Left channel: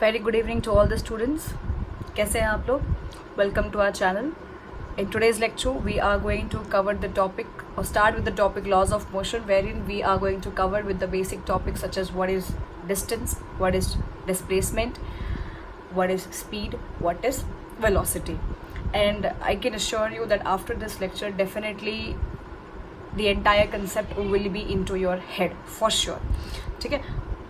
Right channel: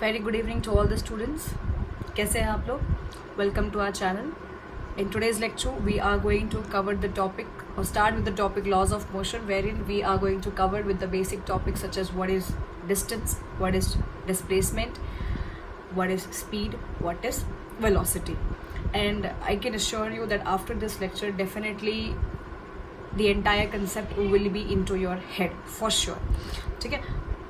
Very good evening to all the students. कैसे हैं आप लोग? Welcome to our channel. In today's lecture, we are going to cover the topic or start with the topic laws of motion, wherein we are going to cover with the basic topics such as what is distance, what is displacement, what is speed, what is velocity. And I can assure you that after this lecture, definitely the entire concept will be into your head for sure. ठीक है?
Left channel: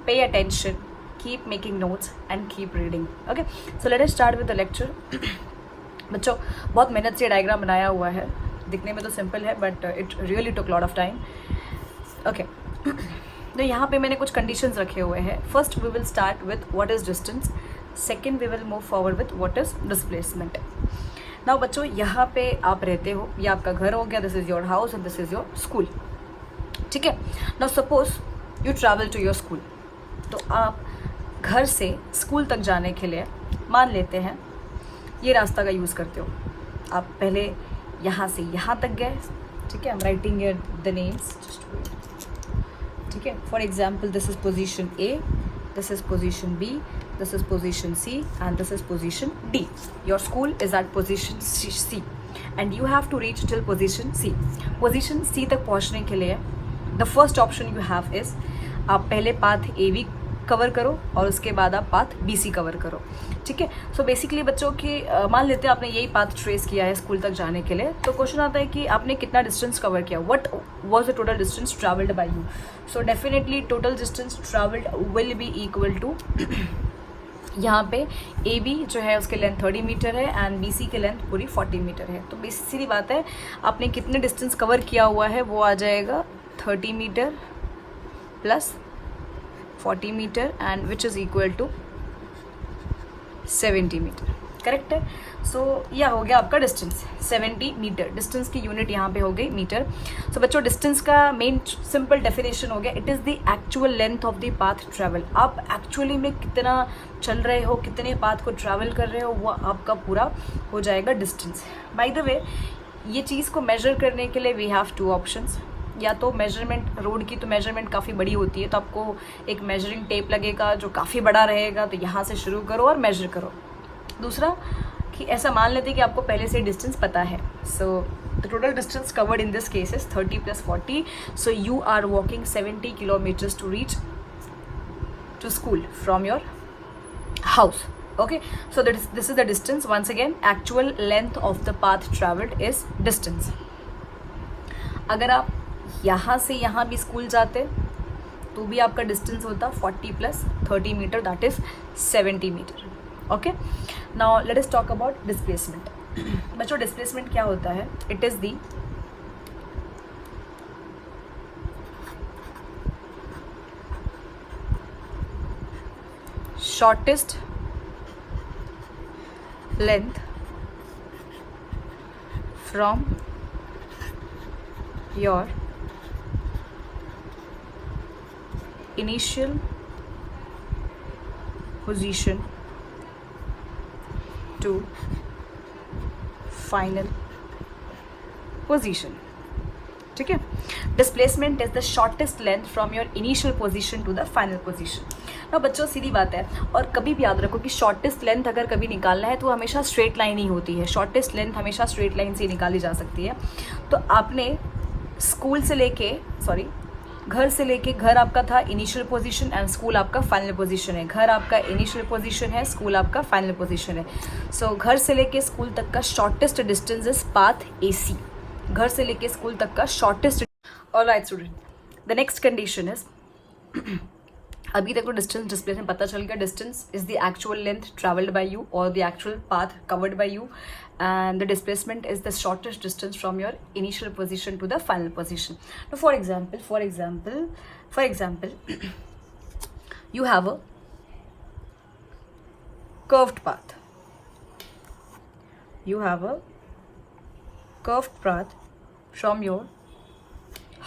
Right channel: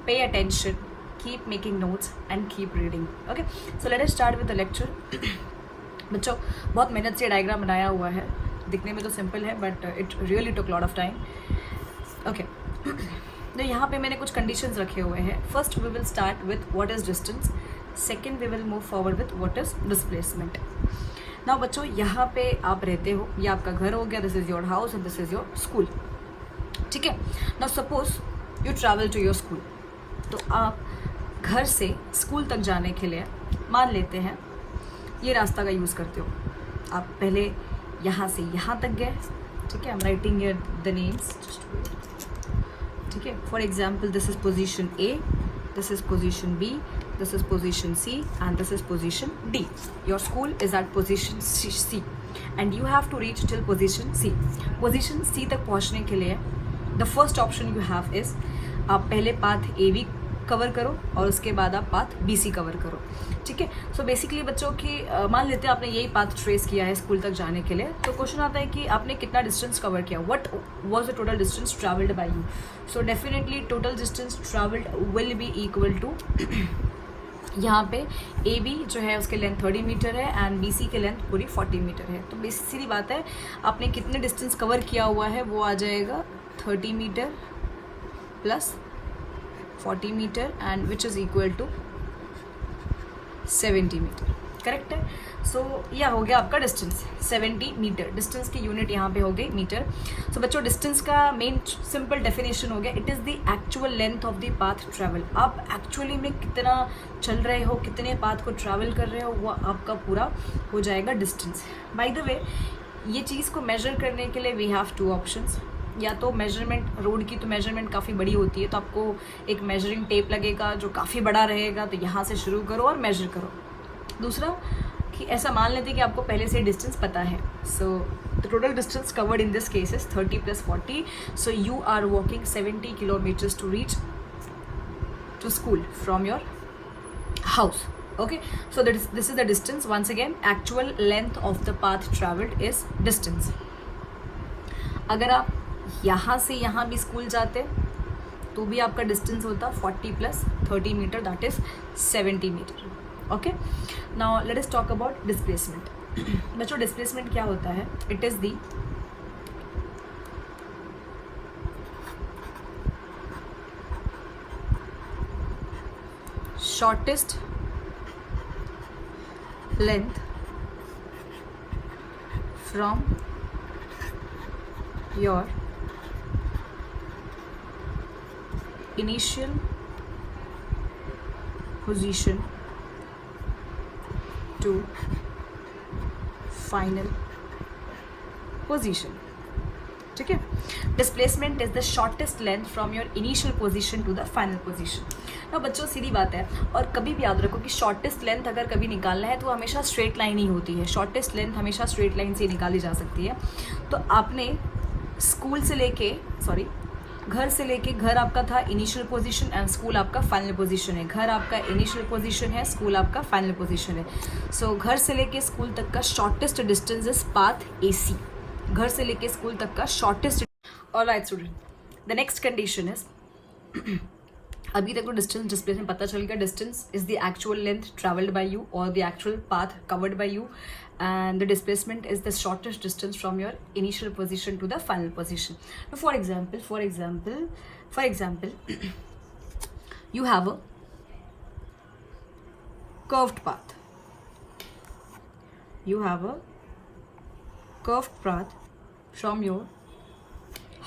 Pay attention. Keep making notes and keep reading. Okay, so let us start with the lecture. बच्चों बहुत मेहनत से diagram बनाया हुआ है, दिखने में तो सिंपल है but it really took lot of time. Okay, तो यहाँ पे मैंने कुछ कंडीशंस रखे हुए हैं. First we will start with what is distance. Second we will move forward with what is displacement. Now बच्चों यहाँ पे आप रहते हो, ये आपका घर हो गया, this is your house and this is your school. ठीक है. Now suppose you travel to your school. तो आप घर से स्कूल तक जाने के लिए मान लेते हैं ये रास्ता का यूज़ करते हो. आप पहले यहाँ से यहाँ तक गए. ठीक है, I am writing here the names. ठीक है, for example this is position A, this is position B, this is position C and this is position D. Your school is at position C and you have to reach till position C. Position C तक पहुँचने के लिए the first option you have is आप पहले path A B cover करो और उसके बाद आप पाथ बी सी कवर करो. ठीक है. सो बेसिकली बच्चों की मान लेते हैं आपने यही पाथ ट्रेस किया है स्कूल तक जाने के लिए. तो क्वेश्चन आता है कि आपने कितना डिस्टेंस कवर किया, what was the total distance travelled by you. So definitely total distance travelled will be equal to, यहाँ पे ए बी जो है उसके लेंथ 30 मीटर है एंड बी सी की लेंथ पूरी 40 मीटर है. तो बेसिकली बात है आपने कितने डिस्टेंस कवर किया हुआ है वो आ जाएगा 30 metre plus 40 metre and which is equal to 70 metre. Correct है. सो यह हो गया आपका डिस्टेंस 70 मीटर. डिस्टेंस की यूनिट यहाँ पे हो गई मीटर. सो बच्चों डिस्टेंस का मेन सिंपल डेफिनेशन हो गया, it is the actual length of the path travel. आप एक्चुअली में कितना चल रहे हो, कितने पाथ को ट्रैवल कर रहे हो, वो आपका पूरा हो जाएगा डिस्टेंस. बाय द वे ये चीज़ को मेजर करने के लिए वी हैव टू ऑप्शंस. या तो मेजरमेंट, रोड की तो मेजरमेंट काफ़ी बड़ी होती है तो आपको एक मेजरिंग टेप लगेगा जो काफ़ी बड़ा रहेगा, तो यहाँ से शुरू करो और मेजर करो. दूसरा कि ऐसा मान लेते हैं कि आपको पहले से डिस्टेंस पता है. So the total distance covered in this case is 30 + 40. So you are walking 70 kilometres to reach to school from your house. Okay, so this is the distance. Once again, actual length of the path traveled is distance. अगर आप यहाँ से यहाँ भी school जाते तो भी आपका डिस्टेंस होता 40 + 30 metre, that is 70 metre. Okay, now let us talk about displacement. बच्चों डिस्प्लेसमेंट क्या होता है? It is the shortest length from your initial position to final position. ठीक है. Displacement is the shortest length from your initial position to the final position. ना बच्चों सीधी बात है, और कभी भी याद रखो कि शॉर्टेस्ट लेंथ अगर कभी निकालना है तो हमेशा स्ट्रेट लाइन ही होती है. शॉर्टेस्ट लेंथ हमेशा स्ट्रेट लाइन से निकाली जा सकती है. तो आपने स्कूल से लेके घर से लेके, घर आपका था इनिशियल पोजीशन एंड स्कूल आपका फाइनल पोजीशन है. घर आपका इनिशियल पोजीशन है, स्कूल आपका फाइनल पोजीशन है. सो घर से लेके स्कूल तक का shortest distance is path AC. घर से लेके स्कूल तक का shortest. Alright student, the next condition is अभी तक तो डिस्टेंस डिस्प्लेसमेंट पता चल गया. Distance is the actual length travelled by you और the actual path covered by you, and the displacement is the shortest distance from your initial position to the final position. Now for example you have a curved path. You have a curved path from your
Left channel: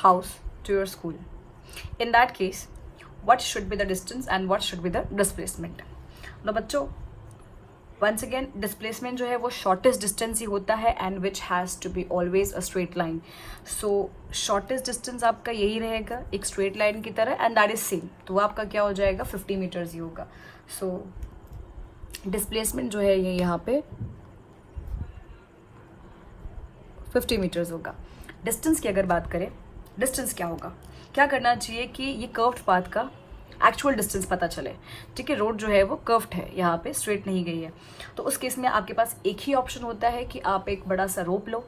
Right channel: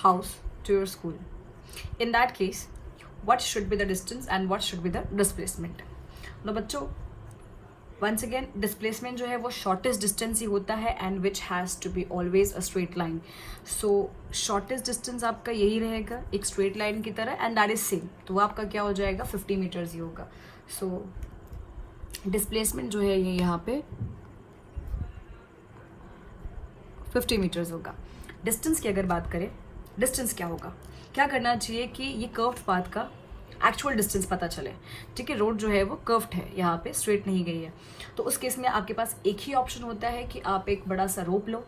house to your school. In that case, what should be the distance and what should be the displacement? Now बच्चों once again displacement जो है वो shortest distance ही होता है and which has to be always a straight line. So shortest distance आपका यही रहेगा एक स्ट्रेट लाइन की तरह एंड दैट इज सेम. तो वो आपका क्या हो जाएगा 50 मीटर्स ही होगा. सो डिस्प्लेसमेंट जो है ये यहाँ पे 50 मीटर्स होगा। डिस्टेंस की अगर बात करें, डिस्टेंस क्या होगा, क्या करना चाहिए कि ये कर्व्ड पाथ का एक्चुअल डिस्टेंस पता चले। ठीक है, रोड जो है वो कर्व्ड है, यहाँ पे स्ट्रेट नहीं गई है, तो उस केस में आपके पास एक ही ऑप्शन होता है कि आप एक बड़ा सा रोप लो।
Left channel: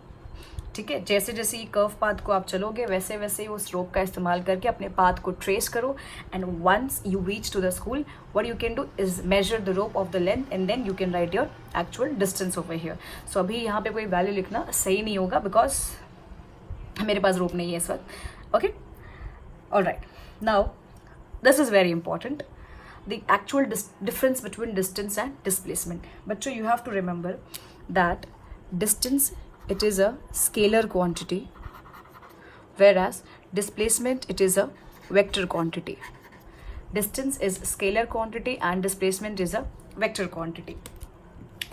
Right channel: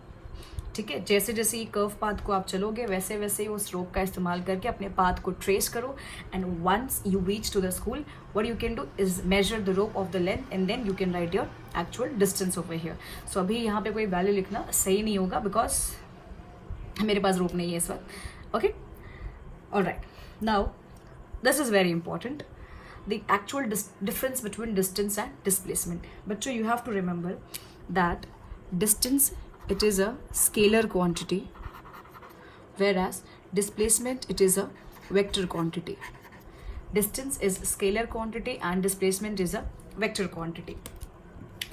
ठीक है, जैसे जैसे ये कर्व पाथ को आप चलोगे वैसे वैसे ही उस रोप का इस्तेमाल करके अपने पाथ को ट्रेस करो, and once you reach to the school what you can do is measure the rope of the length and then you can write your actual distance over here. So अभी यहाँ पे कोई value लिखना सही नहीं होगा because मेरे पास रोप नहीं है इस वक्त। Okay, alright, now this is very important, the actual difference between distance and displacement. Bachcho, you have to remember that distance, it is a scalar quantity, whereas displacement, it is a vector quantity. Distance is scalar quantity and displacement is a vector quantity.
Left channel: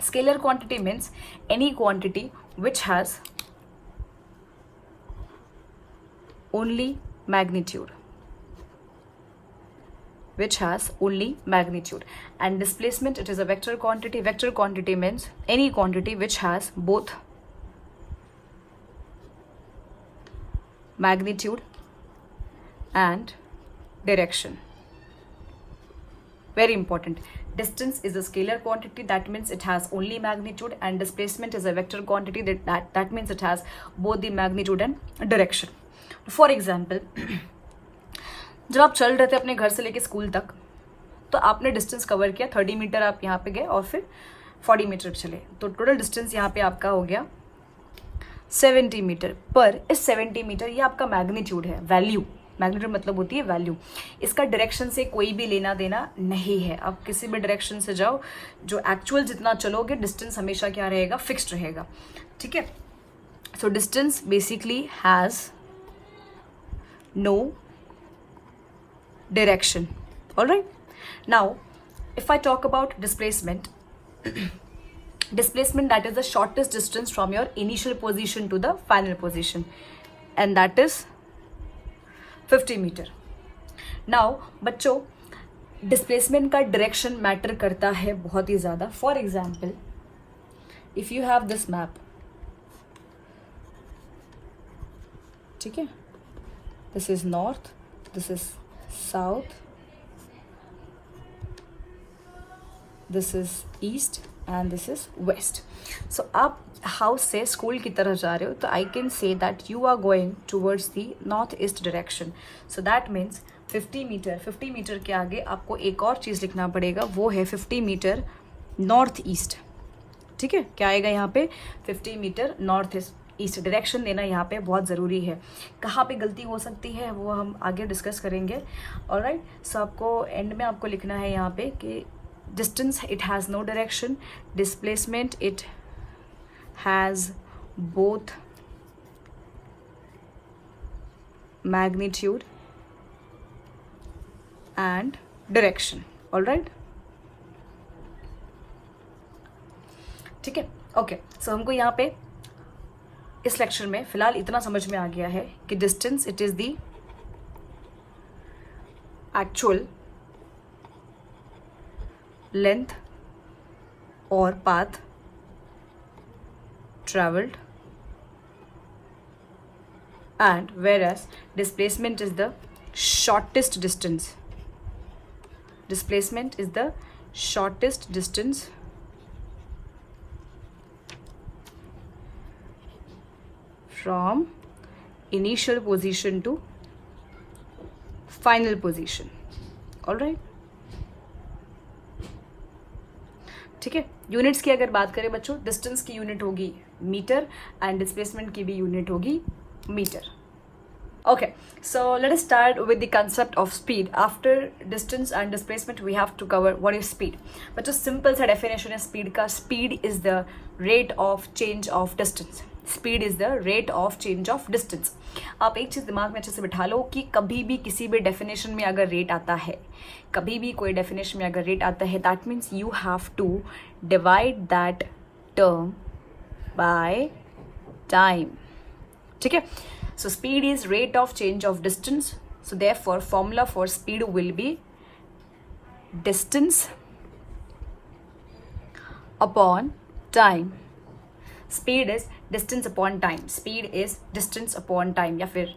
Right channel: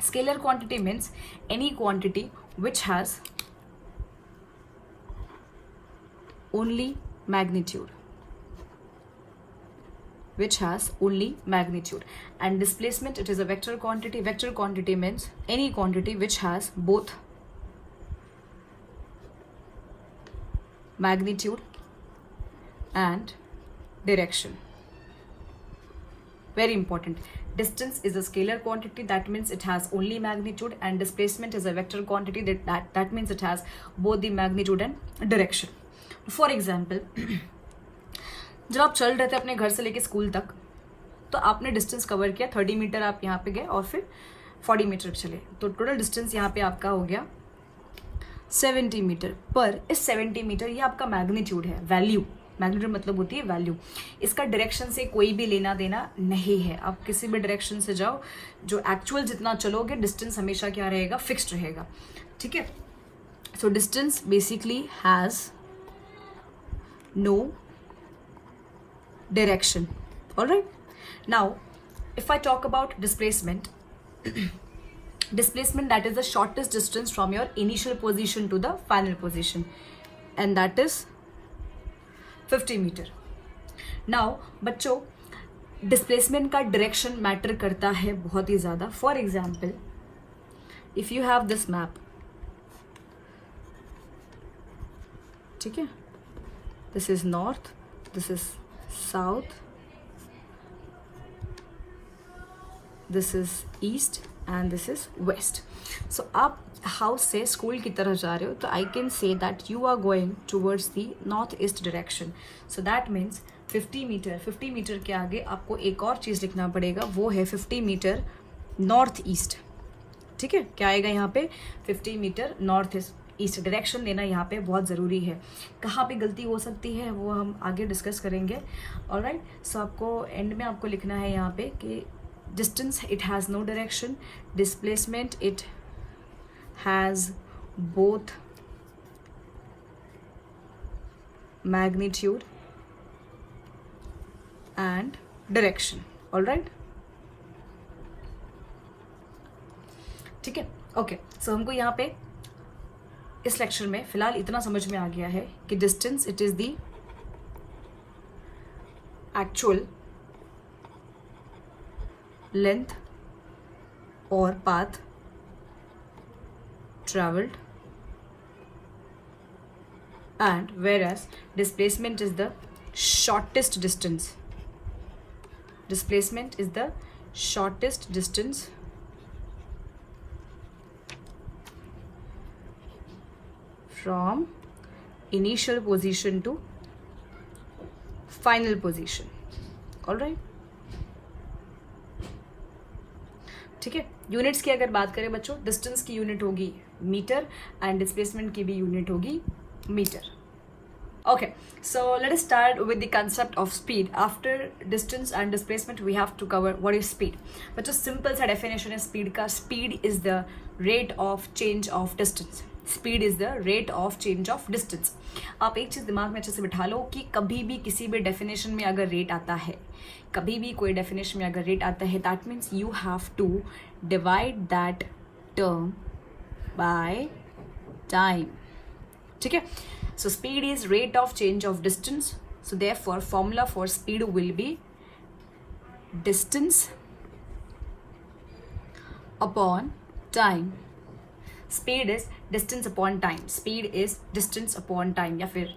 Scalar quantity means any quantity which has only magnitude, which has only magnitude. And displacement, it is a vector quantity. Vector quantity means any quantity which has both magnitude and direction. Very important. Distance is a scalar quantity, that means it has only magnitude, and displacement is a vector quantity, that means it has both the magnitude and direction. For example, जब आप चल रहे थे अपने घर से लेके school तक, तो आपने डिस्टेंस कवर किया 30 मीटर, आप यहाँ पे गए और फिर 40 मीटर चले, तो टोटल डिस्टेंस यहाँ पे आपका हो गया 70 मीटर। पर इस 70 मीटर ये आपका मैग्नीट्यूड है, वैल्यू, मैग्नीट्यूड मतलब होती है वैल्यू, इसका डायरेक्शन से कोई भी लेना देना नहीं है। आप किसी भी डायरेक्शन से जाओ, जो एक्चुअल जितना चलोगे डिस्टेंस हमेशा क्या रहेगा, फिक्स्ड रहेगा। ठीक है, so distance basically has no direction. All right, now if I talk about displacement, displacement, that is the shortest distance from your initial position to the final position, and that is 50 meter. Now बच्चों, displacement का direction matter करता है बहुत ही ज़्यादा। For example, if you have this map, ठीक है, this is north, this is south, this is east and this is west. So आप house से स्कूल की तरफ जा रहे हो, तो I can say that you are going towards the north east direction. So that means 50 metre, 50 metre के आगे आपको एक और चीज़ लिखना पड़ेगा, वो है 50 मीटर नॉर्थ ईस्ट। ठीक है, क्या आएगा यहाँ पे, 50 मीटर नॉर्थ ईस्ट डायरेक्शन लेना यहाँ पे बहुत ज़रूरी है। कहाँ पे गलती हो सकती है वो हम आगे डिस्कस करेंगे। ऑलराइट, सो आपको एंड में आपको लिखना है यहाँ पे कि distance it has no direction, displacement it has both magnitude and direction. Alright, ठीक है, ओके। सो हमको यहाँ पे इस लेक्चर में फिलहाल इतना समझ में आ गया है कि distance it is the actual length और path travelled, and whereas displacement is the shortest distance. Displacement is the shortest distance from initial position to final position. All right, ठीक है। यूनिट्स की अगर बात करें बच्चों, डिस्टेंस की यूनिट होगी मीटर एंड डिस्प्लेसमेंट की भी यूनिट होगी metre. Okay, so let us start with the concept of speed. After distance and displacement, we have to cover what is speed. But just simple सा definition है speed का. Speed is the rate of change of distance. Speed is the rate of change of distance. आप एक चीज़ दिमाग में अच्छे से बिठा लो कि कभी भी किसी भी definition में अगर rate आता है, कभी भी कोई definition में अगर rate आता है, that means you have to divide that term by time. ठीक है? So speed is rate of change of distance. So therefore formula for speed will be distance upon time, speed is distance upon time, speed is distance upon time या फिर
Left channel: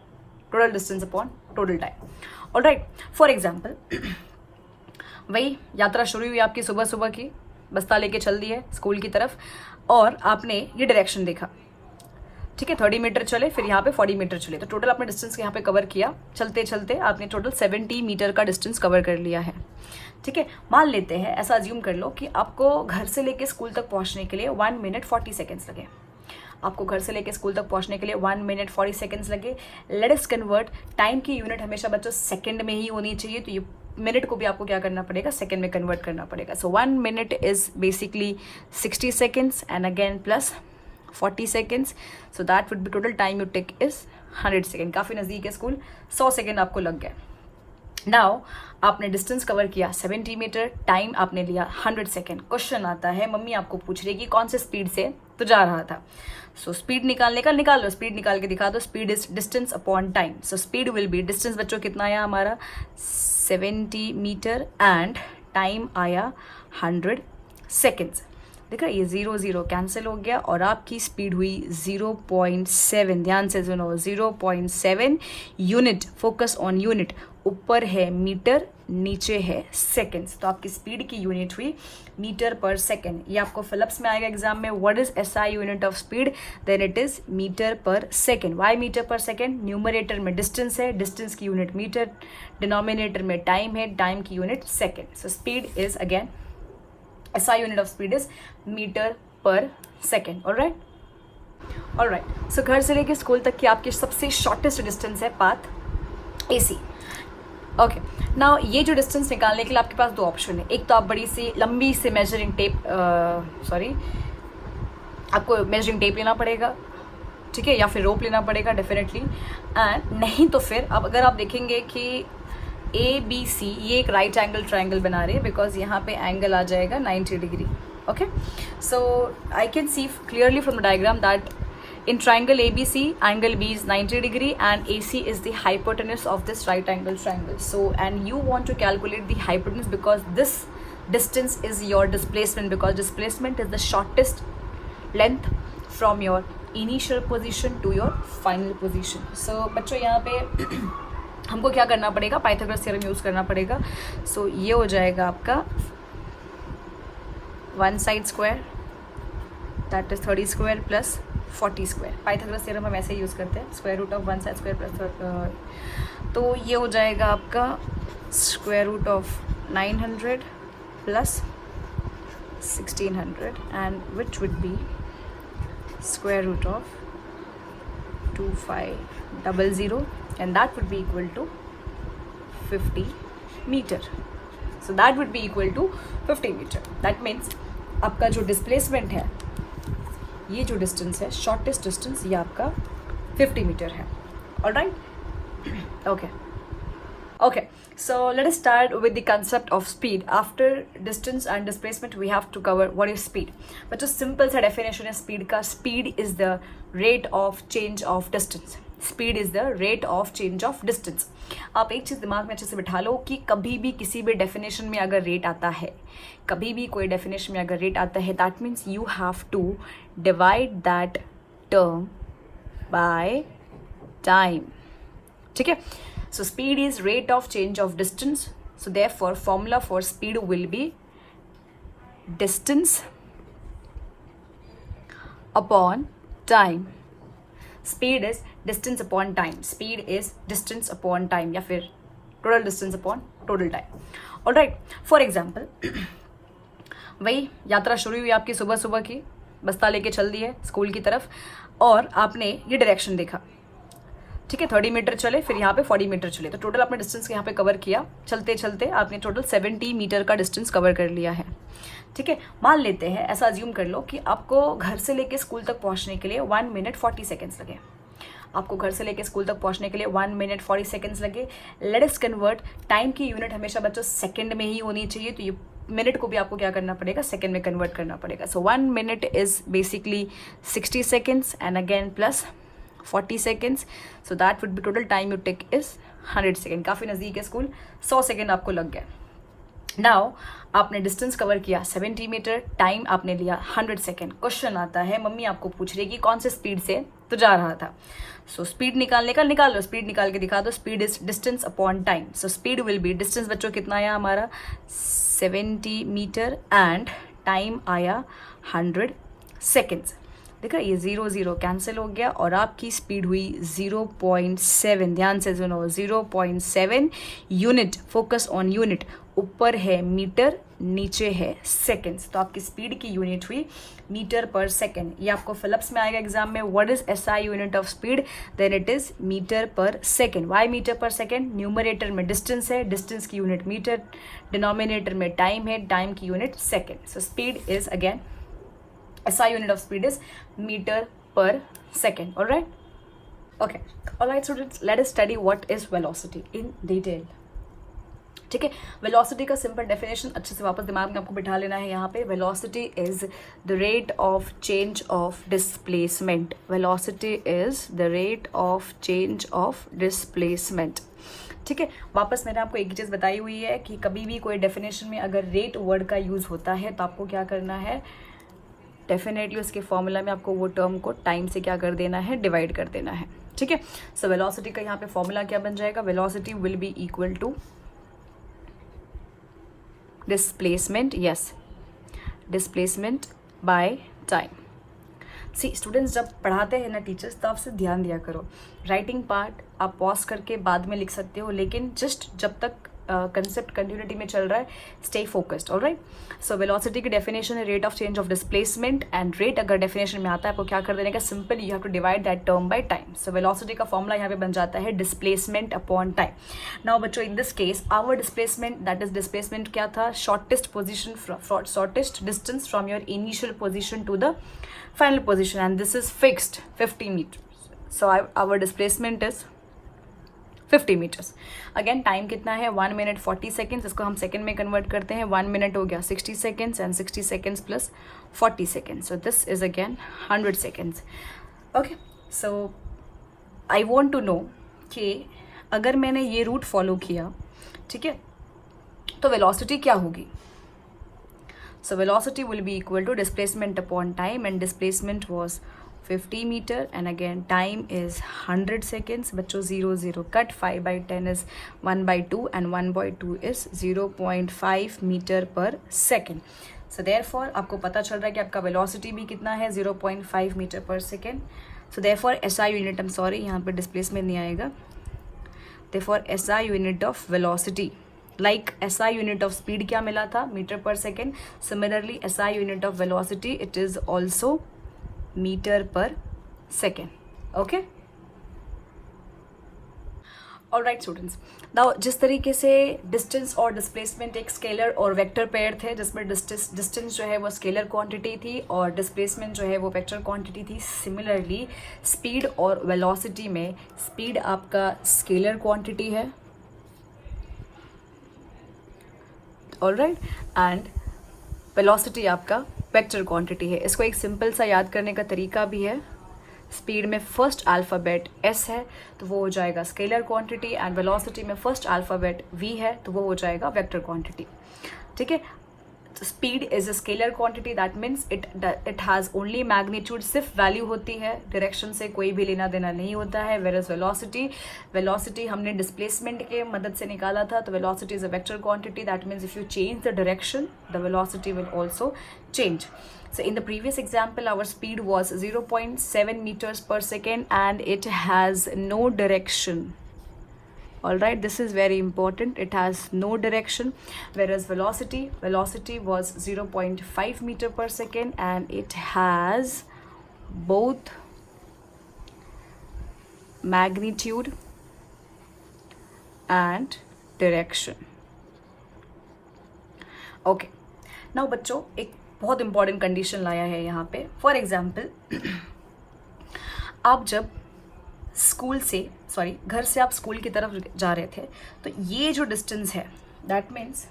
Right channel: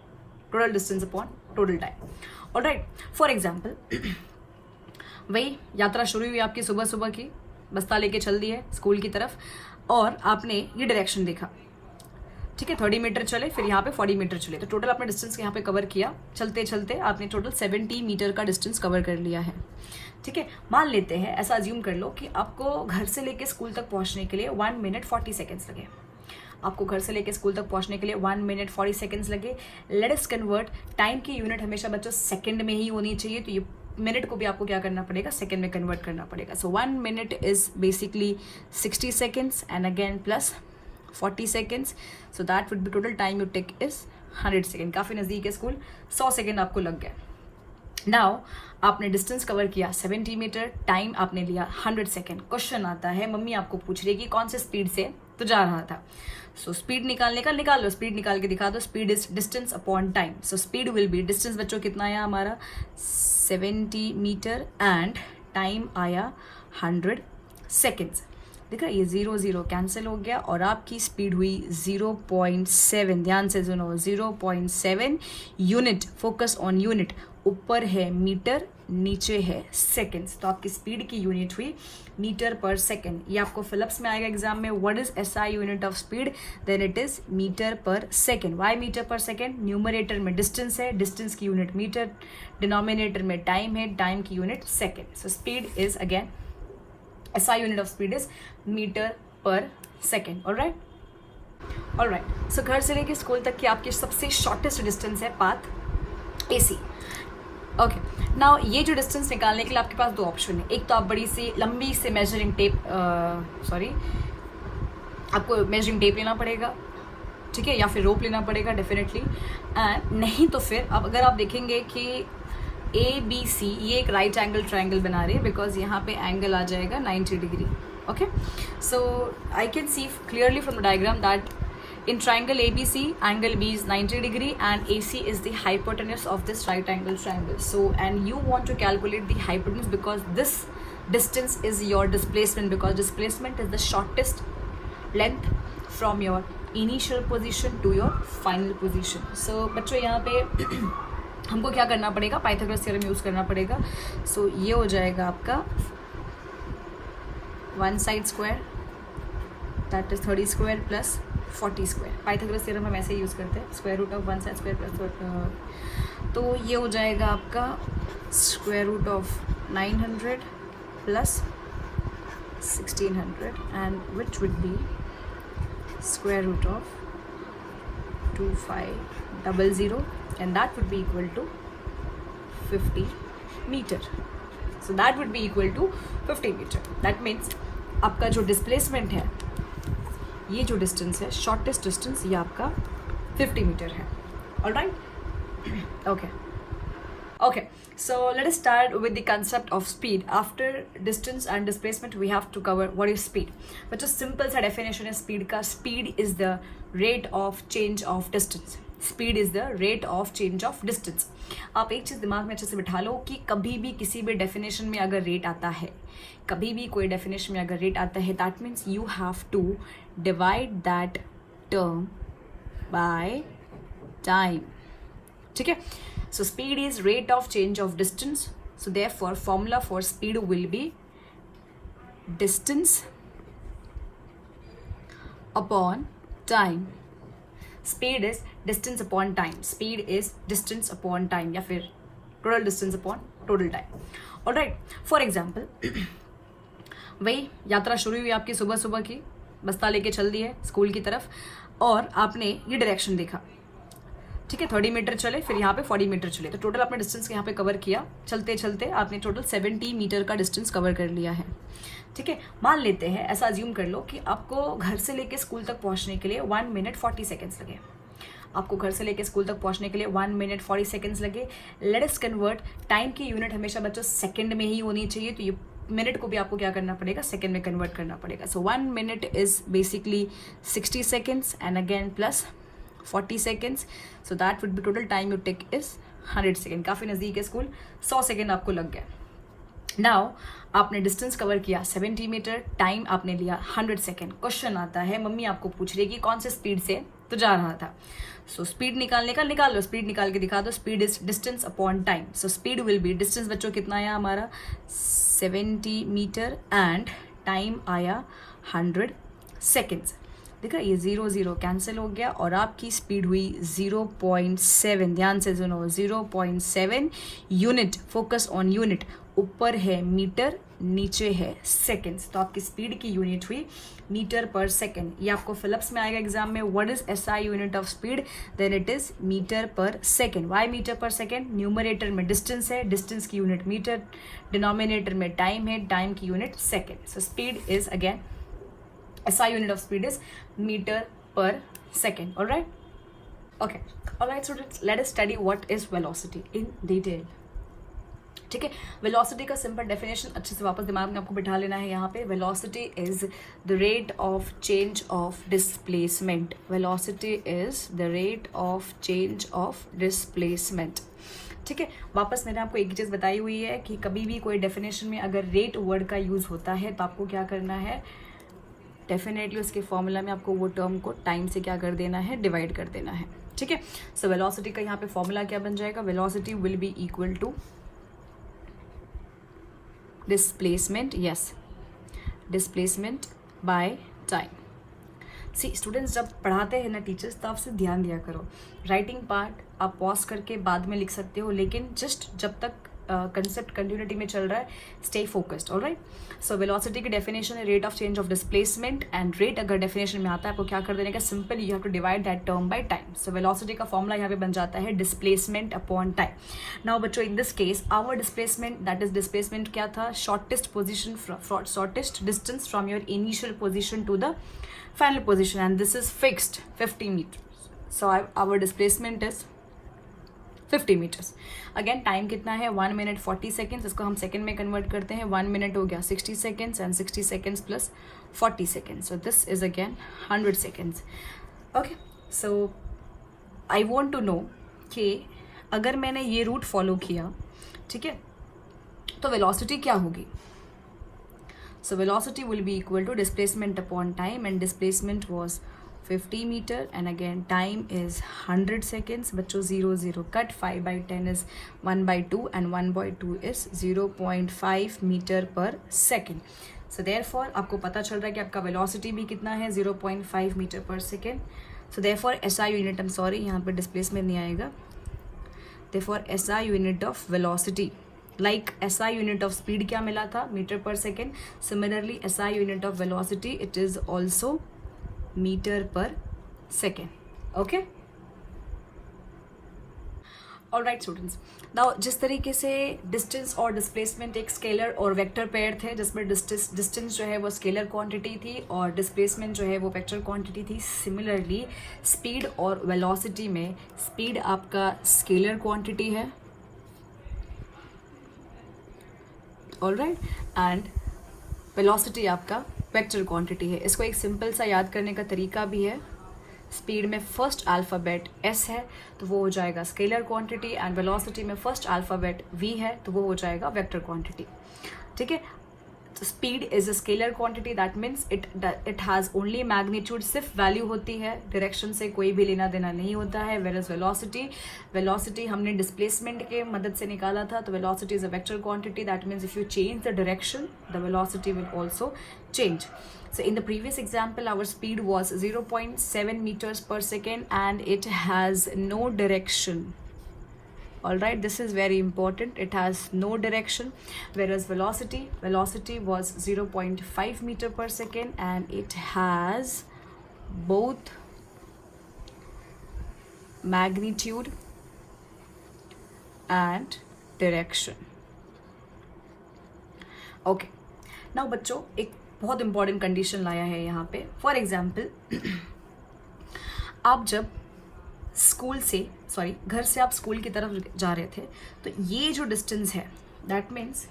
total distance upon total time. Alright, for example वही यात्रा शुरू हुई आपकी सुबह सुबह की, बस्ता लेके चल दी है स्कूल की तरफ और आपने ये डायरेक्शन देखा. ठीक है, 30 मीटर चले, फिर यहाँ पे 40 मीटर चले, तो टोटल आपने डिस्टेंस यहाँ पे कवर किया. चलते चलते आपने टोटल 70 मीटर का डिस्टेंस कवर कर लिया है. ठीक है, मान लेते हैं, ऐसा अज्यूम कर लो कि आपको घर से लेके स्कूल तक पहुंचने के लिए 1 मिनट 40 सेकेंड्स लगे. आपको घर से लेके स्कूल तक पहुंचने के लिए 1 मिनट 40 सेकेंड्स लगे. लेट अस कन्वर्ट, टाइम की यूनिट हमेशा बच्चों सेकंड में ही होनी चाहिए, तो ये मिनट को भी आपको क्या करना पड़ेगा, सेकंड में कन्वर्ट करना पड़ेगा. So 1 minute is basically 60 seconds and again plus 40 seconds, so that would be total time you take is 100 second. काफी नजदीक है स्कूल, 100 सेकेंड आपको लग गया. नाउ आपने डिस्टेंस कवर किया 70 मीटर, टाइम आपने लिया 100 सेकेंड. क्वेश्चन आता है, मम्मी आपको पूछ रही है कि कौन से स्पीड से तो जा रहा था. सो स्पीड निकालने का निकाल लो, स्पीड निकाल के दिखा दो. Speed is distance upon time, so speed will be, distance बच्चों कितना आया हमारा 70 मीटर एंड टाइम आया 100 सेकेंड्स. देखा, ये 0 0 कैंसिल हो गया और आपकी स्पीड हुई 0.7. ध्यान से सुनो, 0.7 यूनिट. Focus on unit. ऊपर है मीटर, नीचे है सेकेंड्स, तो आपकी स्पीड की यूनिट हुई मीटर पर सेकेंड. ये आपको फिलिप्स में आएगा एग्जाम में. What is SI unit of speed? Then it is metre पर सेकेंड. वाई मीटर पर सेकेंड? न्यूमरेटर में डिस्टेंस है, डिस्टेंस की यूनिट मीटर, डिनोमिनेटर में टाइम है, टाइम की unit second. So speed is again, SI unit of speed is metre पर second. Alright, so घर से लेकर स्कूल तक की आपकी सबसे शॉर्टेस्ट डिस्टेंस है पाथ एसी. ओके, नाउ ये जो डिस्टेंस निकालने के लिए आपके पास दो ऑप्शन है. एक तो आप बड़ी सी लंबी से मेजरिंग टेप, आपको मेजरिंग टेप लेना पड़ेगा, ठीक है, या फिर रोप लेना पड़ेगा डेफिनेटली. एंड नहीं तो फिर अब अगर आप देखेंगे कि ABC ये एक राइट एंगल ट्राइंगल बना रहे हैं, बिकॉज यहाँ पे एंगल आ जाएगा 90 degree. Okay, so I can see clearly from the diagram that in triangle ABC, angle B is 90 degree and AC is the hypotenuse of this right angle triangle. So, and you want to calculate the hypotenuse because this distance is your displacement, because displacement is the shortest length from your initial position to your final position. So, बच्चों यहाँ पे हमको क्या करना पड़ेगा, Pythagoras theorem use करना पड़ेगा. So, ये हो जाएगा आपका 1 side square, that is 30 square plus 40 square. Pythagoras theorem हम ऐसे यूज करते हैं, square root of 1 side square plus, तो ये हो जाएगा आपका square root of 900 plus 1600 and which would be square root of 2500 and that would be equal to 50 metre. So that would be equal to 50 metre. That means आपका जो displacement है, ये जो डिस्टेंस है, शॉर्टेस्ट डिस्टेंस, ये आपका 50 metre है. Alright, okay, so let us start with the concept of speed. After distance and displacement we have to cover what is speed. But जो सिंपल सा डेफिनेशन है स्पीड का, speed is the rate of change of distance. Speed is the rate of change of distance. आप एक चीज दिमाग में अच्छे से बिठा लो कि कभी भी किसी भी डेफिनेशन में अगर रेट आता है, कभी भी कोई डेफिनेशन में अगर रेट आता है, that means you have to divide that term by time. ठीक है, so speed is rate of change of distance. So therefore formula for speed will be distance upon time. Speed is distance upon time, speed is distance upon time या फिर total distance upon total time. Alright, for example वही यात्रा शुरू हुई आपकी सुबह सुबह की, बस्ता लेके चल दी है स्कूल की तरफ और आपने ये डायरेक्शन देखा. ठीक है, 30 मीटर चले, फिर यहाँ पे 40 मीटर चले, तो टोटल आपने डिस्टेंस यहाँ पे कवर किया. चलते चलते आपने टोटल 70 मीटर का डिस्टेंस कवर कर लिया है. ठीक है, मान लेते हैं, ऐसा अज्यूम कर लो कि आपको घर से लेके स्कूल तक पहुंचने के लिए 1 मिनट 40 सेकेंड्स लगे. आपको घर से लेके स्कूल तक पहुंचने के लिए 1 मिनट 40 सेकेंड्स लगे. लेट अस कन्वर्ट, टाइम की यूनिट हमेशा बच्चों सेकंड में ही होनी चाहिए, तो ये मिनट को भी आपको क्या करना पड़ेगा, सेकंड में कन्वर्ट करना पड़ेगा. So 1 minute is basically 60 seconds and again plus 40 seconds, so that would be total time you take is 100 second. काफी नजदीक है स्कूल, 100 सेकेंड आपको लग गया. नाउ आपने डिस्टेंस कवर किया 70 मीटर, टाइम आपने लिया 100 सेकेंड। क्वेश्चन आता है, मम्मी आपको पूछ रही है कि कौन से स्पीड से तो जा रहा था। सो स्पीड निकालने का निकाल लो, स्पीड निकाल के दिखा दो। Speed is distance upon time. So speed will be, distance बच्चों कितना आया हमारा 70 मीटर एंड टाइम आया 100 सेकेंड्स। देखा ये 0 0 कैंसिल हो गया और आपकी स्पीड हुई 0.7। ध्यान से सुनो, 0.7 यूनिट। Focus on unit. ऊपर है मीटर, नीचे है सेकेंड्स, तो आपकी स्पीड की यूनिट हुई मीटर पर सेकेंड। ये आपको फिलिप्स में आएगा एग्जाम में। What is SI unit of speed? Then it is metre पर सेकेंड। वाई मीटर पर सेकेंड? न्यूमरेटर में डिस्टेंस है, डिस्टेंस की यूनिट मीटर, डिनोमिनेटर में टाइम है, टाइम की unit second. So speed is again SI unit of speed is meter per second. All right? Okay. All right, students. Let us study what is velocity in detail. ठीक है, velocity का simple definition अच्छे से वापस दिमाग में आपको बिठा लेना है। यहाँ पे velocity is the rate of change of displacement. Velocity is the rate of change of displacement. ठीक है, वापस मैंने आपको एक ही चीज़ बताई हुई है कि कभी भी कोई डेफिनेशन में अगर रेट वर्ड का यूज होता है तो आपको क्या करना है, डेफिनेटली उसके फॉर्मूला में आपको वो टर्म को टाइम से क्या कर देना है, डिवाइड कर देना है। ठीक है, सो वेलोसिटी का यहाँ पे फॉर्मूला क्या बन जाएगा, velocity will be equal to displacement, yes, displacement by time. See students, जब पढ़ाते हैं ना टीचर्स, तो आपसे ध्यान दिया करो। राइटिंग पार्ट आप पॉज करके बाद में लिख सकते हो, लेकिन जस्ट जब तक कंसेप्ट कंटिन्यूटी में चल रहा है, stay focused. Alright, so velocity की डेफिनेशन है rate of change of displacement, and rate अगर डेफिनेशन में आता है आपको क्या कर देने का, simple you have to divide that term by time. So velocity का फॉर्मूला यहाँ पे बन जाता है डिस्प्लेसमेंट अपॉन टाइम। नाउ बच्चों, in this case our displacement, that is displacement क्या था, shortest position, shortest distance from your initial position to the final position, and this is fixed 50 metre. So our displacement is 50 metres. Again time कितना है, 1 minute 40 seconds. इसको हम second में convert करते हैं, 1 minute हो गया 60 seconds and 60 seconds plus 40 seconds, so this is again 100 seconds. Okay, so I want to know कि अगर मैंने ये रूट फॉलो किया, ठीक है, तो वेलोसिटी क्या होगी। So velocity will be equal to displacement upon time, and displacement was 50 meter and again time is 100 seconds. बच्चों 0 0 cut, 5 by 10 is 1 by 2 and 1 by 2 is 0.5 meter per second. So therefore आपको पता चल रहा है कि आपका velocity भी कितना है, 0.5 meter per second. So therefore SI unit, I'm sorry यहाँ पर displacement नहीं आएगा, therefore SI unit of velocity, like SI unit of speed क्या मिला था, meter per second. Similarly SI unit of velocity, it is also metre पर second. Okay, alright students, now जिस तरीके से डिस्टेंस और डिस्प्लेसमेंट एक स्केलर और वेक्टर पेयर थे, जिसमें डिस्टेंस जो है वो स्केलर क्वांटिटी थी और डिस्प्लेसमेंट जो है वो वेक्टर क्वांटिटी थी, सिमिलरली स्पीड और वेलोसिटी में स्पीड आपका स्केलर क्वांटिटी है, ऑलराइट, एंड वेलोसिटी आपका वेक्टर क्वांटिटी है। इसको एक सिंपल सा याद करने का तरीका भी है, स्पीड में फर्स्ट अल्फ़ाबेट s है तो वो हो जाएगा स्केलर क्वांटिटी, एंड वेलोसिटी में फर्स्ट अल्फ़ाबेट v है तो वो हो जाएगा वेक्टर क्वांटिटी। ठीक है, speed is a scalar quantity, that means it has only magnitude, सिर्फ वैल्यू होती है, डायरेक्शन से कोई भी लेना देना नहीं होता है। वेरस वेलोसिटी हमने डिस्प्लेसमेंट के मदद से निकाला था, तो velocity is a vector quantity, that means if you change the direction the velocity will also change. So in the previous example our speed was 0.7 meters per second and it has no direction. All right, this is very important, it has no direction, whereas velocity was 0.5 meter per second and it has both magnitude and direction. Okay, now बच्चों एक बहुत important condition लाया है यहाँ पे। For example, आप जब घर से आप स्कूल की तरफ जा रहे थे, तो ये जो डिस्टेंस है, दैट मीन्स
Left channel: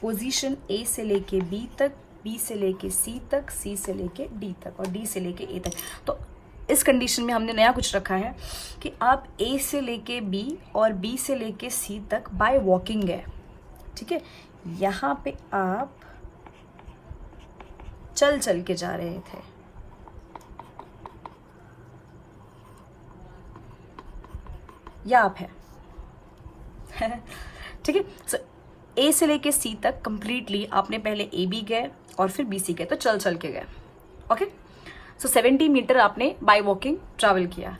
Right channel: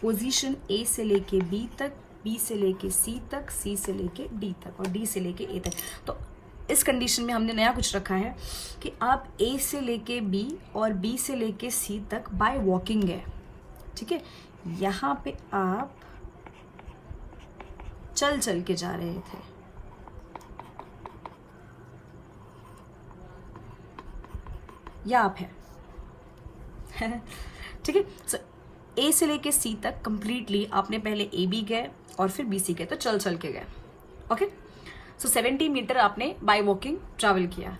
पोजीशन A से लेके B तक, B से लेके C तक, C से लेके D तक और D से लेके A तक। तो इस कंडीशन में हमने नया कुछ रखा है कि आप A से लेके B और B से लेके C तक बाय वॉकिंग है, ठीक है, यहाँ पे आप चल चल के जा रहे थे, या आप है ठीक है। सो ए से लेके सी तक कंप्लीटली आपने पहले ए बी गए और फिर बी सी गए, तो चल चल के गए। ओके, सो 70 मीटर आपने बाय वॉकिंग ट्रैवल किया।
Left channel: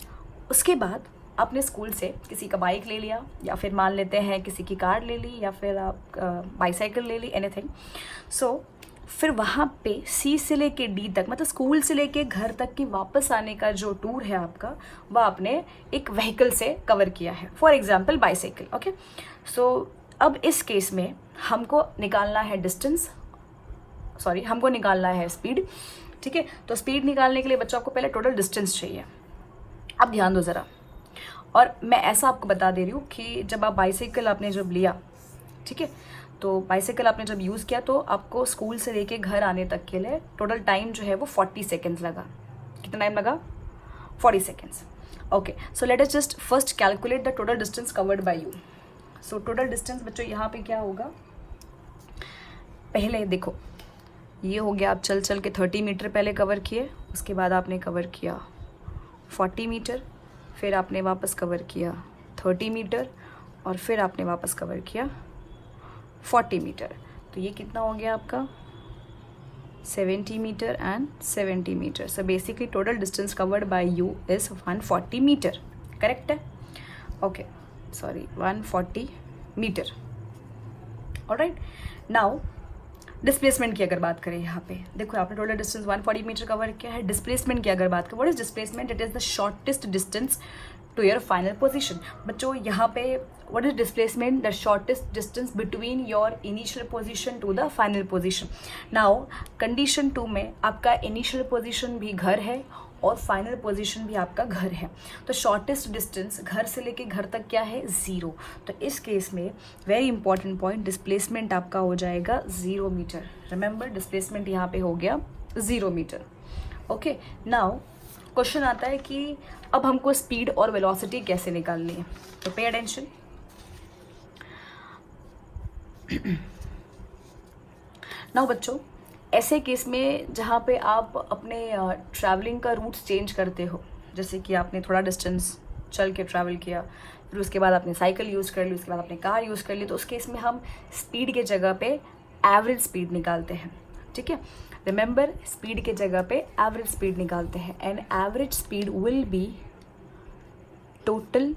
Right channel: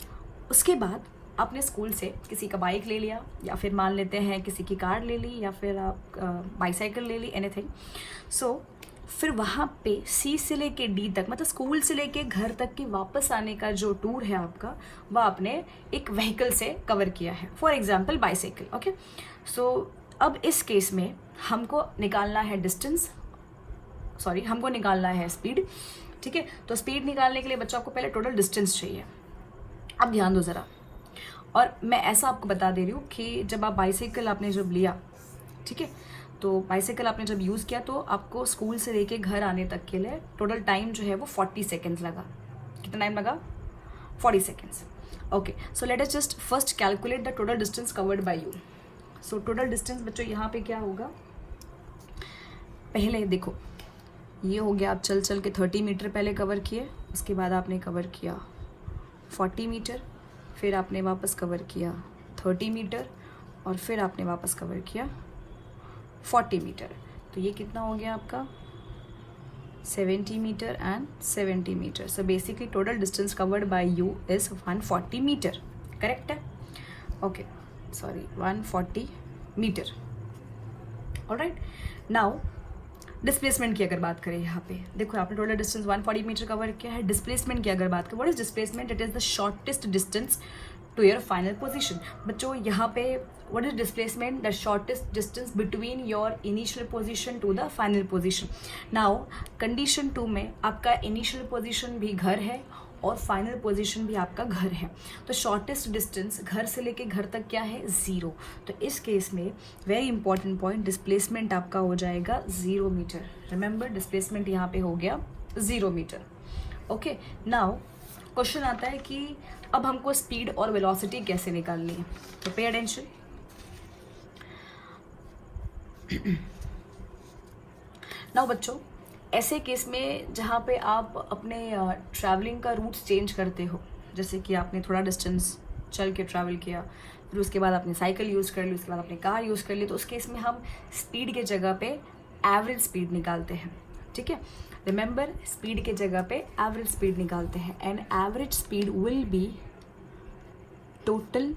उसके बाद आपने स्कूल से किसी का बाइक ले लिया, या फिर मान लेते हैं किसी की कार ले ली, या फिर आप बाईसाइकिल ले ली, एनीथिंग। सो फिर वहाँ पे सी से लेके डी तक, मतलब स्कूल से लेके घर तक की वापस आने का जो टूर है आपका, वह आपने एक व्हीकल से कवर किया है, फॉर एग्जाम्पल बाईसाइकिल। ओके, सो अब इस केस में हमको निकालना है डिस्टेंस, सॉरी हमको निकालना है स्पीड। ठीक है, तो स्पीड निकालने के लिए बच्चों आपको पहले टोटल डिस्टेंस चाहिए। अब ध्यान दो ज़रा, और मैं ऐसा आपको बता दे रही हूँ कि जब आप बाईसाइकिल आपने जब लिया, ठीक है, तो बाईसाइकिल आपने जब यूज़ किया तो आपको स्कूल से लेके घर आने तक के लिए टोटल टाइम जो है वो 40 सेकेंड्स लगा। कितना टाइम लगा? 40 seconds. Okay, so let us just first calculate the total distance covered by you. So total distance बच्चों यहाँ पे क्या होगा, पहले देखो ये हो गया, आप चल चल के 30 मीटर पहले कवर किए, उसके बाद आपने कवर किया 40 मीटर, फिर आपने वापस कवर किया 30 मीटर, और फिर आपने वापस कवर किया 40 मीटर। तो ये कितना हो गया आपका 70 metre and 70 metre. So basically total distance covered by you is 140 metre. Correct है? Okay, sorry 140 metre. Alright, now displacement की अगर बात करें, यहाँ पे देखो आपने टोटल डिस्टेंस 140 मीटर कवर किया है। डिस्प्लेसमेंट की अगर बात करें, what is displacement? It is the shortest distance to your final position. बच्चों यहाँ पे what is displacement? The shortest distance between your initial position to the final position. Now condition 2 में आपका इनिशियल पोजीशन भी घर है और फाइनल पोजीशन भी आपका घर है, तो शॉर्टेस्ट डिस्टेंस घर से लेके घर तक क्या है? 0। तो इस केस में वेरी इंपॉर्टेंट पॉइंट, डिस्प्लेसमेंट आपका हो जाएगा 0 मीटर। रिमेंबर, डिस्प्लेसमेंट यहाँ पे हो गया 0 मीटर। ओके, नाउ क्वेश्चन आता है कि अब हमको स्पीड और वेलोसिटी कैसे निकालनी है, तो पे अटेंशन। नाउ बच्चों, ऐसे केस में जहाँ पे आप अपने ट्रैवलिंग का रूट चेंज करते हो, जैसे कि आपने थोड़ा डिस्टेंस चल के ट्रैवल किया, फिर उसके बाद आपने साइकिल यूज़ कर ली, उसके बाद आपने कार यूज़ कर ली, तो उस केस में हम स्पीड के जगह पे एवरेज स्पीड निकालते हैं। ठीक है, रिमेंबर, स्पीड के जगह पे एवरेज स्पीड निकालते हैं, and average speed will B total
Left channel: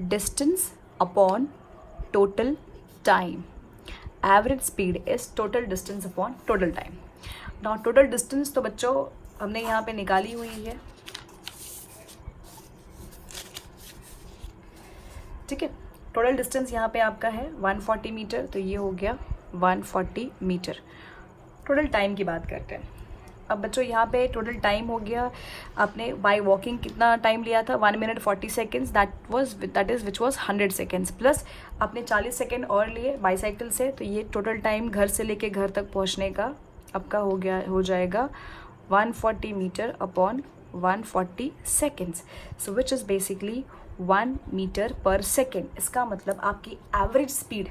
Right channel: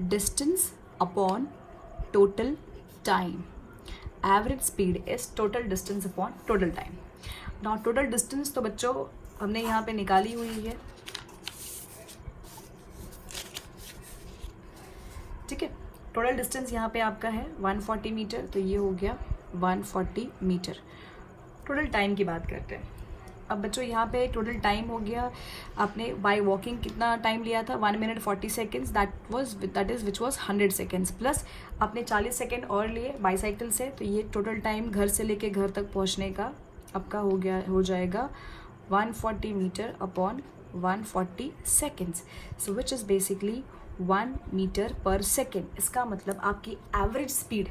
distance upon total time. Average speed is total distance upon total time. Now total distance तो बच्चों हमने यहाँ पे निकाली हुई है। ठीक है, टोटल डिस्टेंस यहाँ पे आपका है 140 मीटर, तो ये हो गया 140 मीटर। टोटल टाइम की बात करते हैं। अब बच्चों यहाँ पे टोटल टाइम हो गया, आपने बाय वॉकिंग कितना टाइम लिया था? 1 minute 40 seconds, that is which was 100 seconds, plus आपने 40 सेकेंड और लिए बाईसाइकिल से, तो ये टोटल टाइम घर से लेके घर तक पहुँचने का आपका हो जाएगा 140 metre upon 140 seconds, so which is basically 1 metre पर सेकेंड। इसका मतलब आपकी एवरेज स्पीड,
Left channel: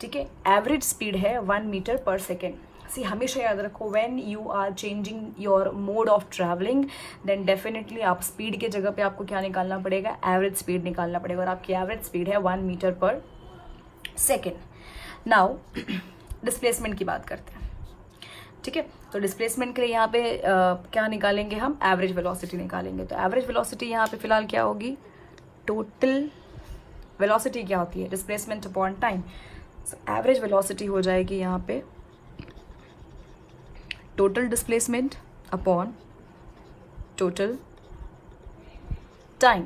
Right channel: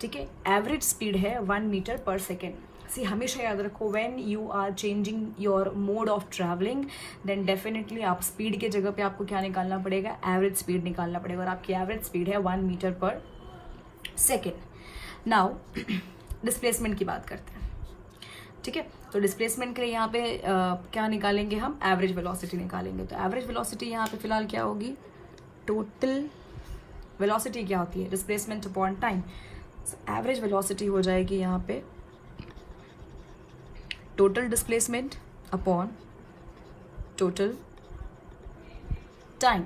ठीक है, एवरेज स्पीड है 1 मीटर पर सेकेंड। सी हमेशा याद रखो, when you are changing your mode of travelling, then definitely आप स्पीड के जगह पे आपको क्या निकालना पड़ेगा? एवरेज स्पीड निकालना पड़ेगा, और आपकी एवरेज स्पीड है 1 मीटर पर सेकेंड। नाउ डिस्प्लेसमेंट की बात करते हैं। ठीक है, तो डिस्प्लेसमेंट के लिए यहाँ पे क्या निकालेंगे हम? एवरेज वेलोसिटी निकालेंगे। तो एवरेज वेलोसिटी यहाँ पे फिलहाल क्या होगी? टोटल वेलोसिटी क्या होती है? Displacement upon time. Average velocity हो जाएगी यहाँ पे total displacement upon total time.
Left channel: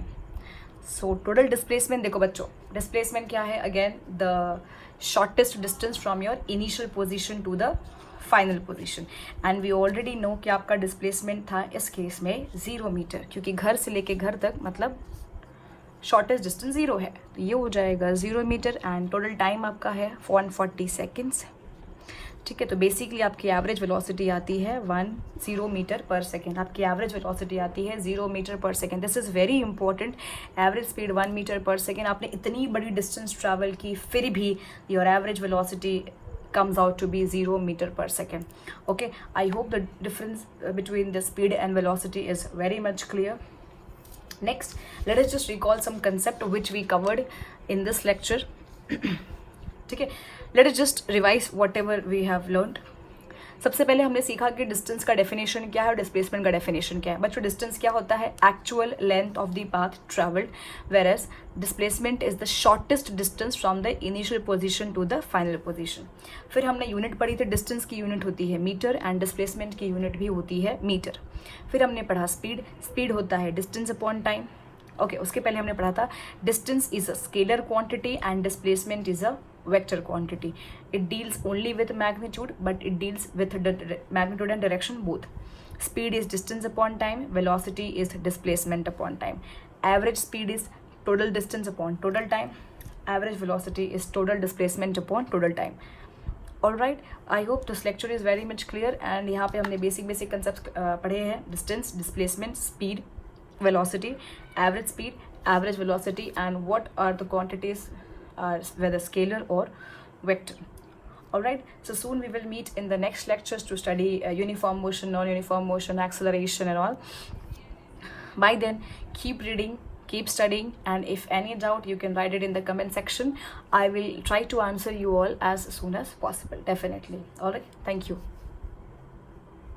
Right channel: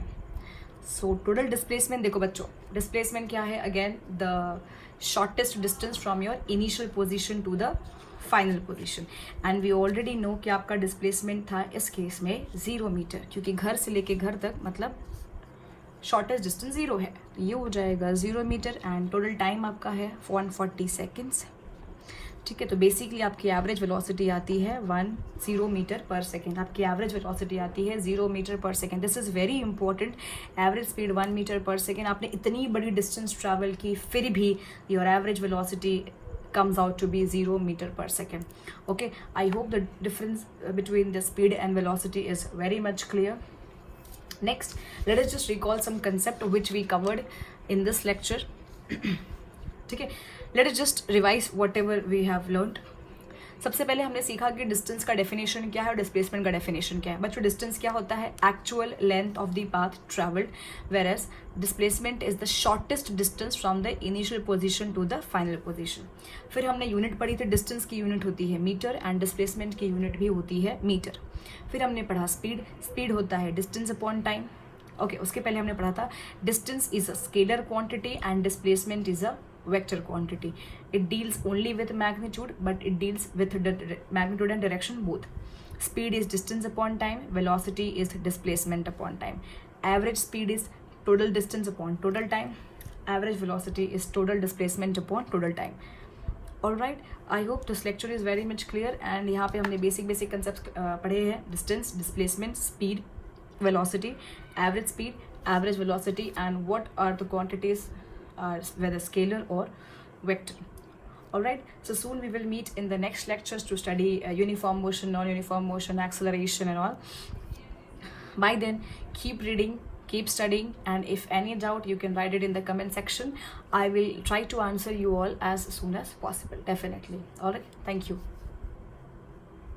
So total displacement, देखो बच्चों, डिस्प्लेसमेंट क्या है? Again the shortest distance from your initial position to the final position, and we already know कि आपका डिस्प्लेसमेंट था इस केस में 0 मीटर, क्योंकि घर से लेके घर तक मतलब शॉर्टेस्ट डिस्टेंस 0 है, तो ये हो जाएगा 0 मीटर, एंड टोटल टाइम आपका है 140 सेकेंड्स। ठीक है, तो बेसिकली आपकी एवरेज वेलोसिटी आती है 10 मीटर पर सेकेंड. आपकी एवरेज वेलोसिटी आती है 0 मीटर पर second. This is very important. Average speed 1 metre पर सेकेंड. आपने इतनी बड़ी डिस्टेंस ट्रैवल की, फिर भी your average velocity comes out to be 0 meter per second. Okay, I hope the difference between the speed and velocity is very much clear. Next, let us just recall some concept which we covered in this lecture. ठीक है, let us just revise whatever we have learned. सबसे पहले हमने सीखा कि distance का definition क्या है और डिस्प्लेसमेंट का डेफिनेशन क्या है. बच्चों, डिस्टेंस क्या होता है? Actual length of the path travelled, whereas displacement is the shortest distance from the initial position to the final position. फिर हमने यूनिट पढ़ी थी, डिस्टेंस की यूनिट होती है मीटर एंड डिस्प्लेसमेंट की यूनिट भी होती है मीटर. फिर हमने पढ़ा स्पीड. स्पीड होता है डिस्टेंस अपॉन टाइम. ओके, उसके पहले हमने पढ़ा था distance is a scalar quantity and displacement is a vector quantity. It deals only with magnitude, but it deals with the magnitude and direction both. Speed is distance upon time. Velocity is displacement upon time. Average speed is total distance upon total time. Average velocity is total displacement upon total time. All right. I hope this lecture is very much clear. And यहाँ पे हमने basic concepts पढ़े हैं. Distance, displacement, speed, velocity, average speed, average velocity, and what are the quantities, whether scalar or vector. Alright, so soon we will meet in the next lectures to study uniform motion, non-uniform motion, acceleration and all. By then, keep reading, keep studying, and if any doubt, you can write it in the comment section. I will try to answer you all as soon as possible, definitely. Alright, thank you.